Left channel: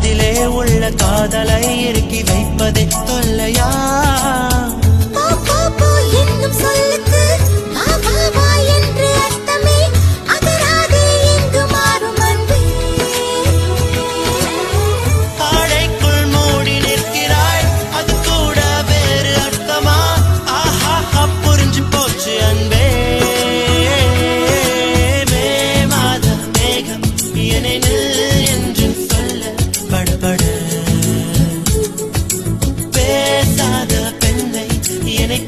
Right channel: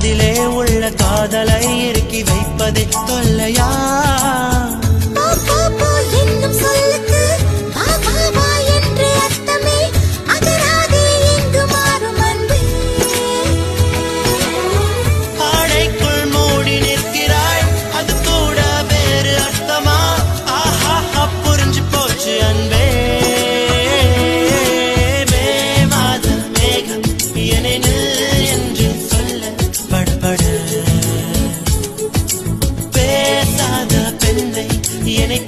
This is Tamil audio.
மனதிலே உள்ள காதலை இறுக்கி வைப்பதே தொல்லையா? என்னும் சொல்லுக்கு வா வா வா என்று அர்த்தமே, அகராதே எங்கு மாறும் அன்பே. ஆடைக்குள் மூடி நிற்கிறாய், அது கூட வேறு அர்த்தமா? ஆஹா புரிஞ்சு போச்சு அன்பே. மேவாத மேகம் என்னை நில் என்று சொல்ல படபட, பேசாத பெண்ணை என்னை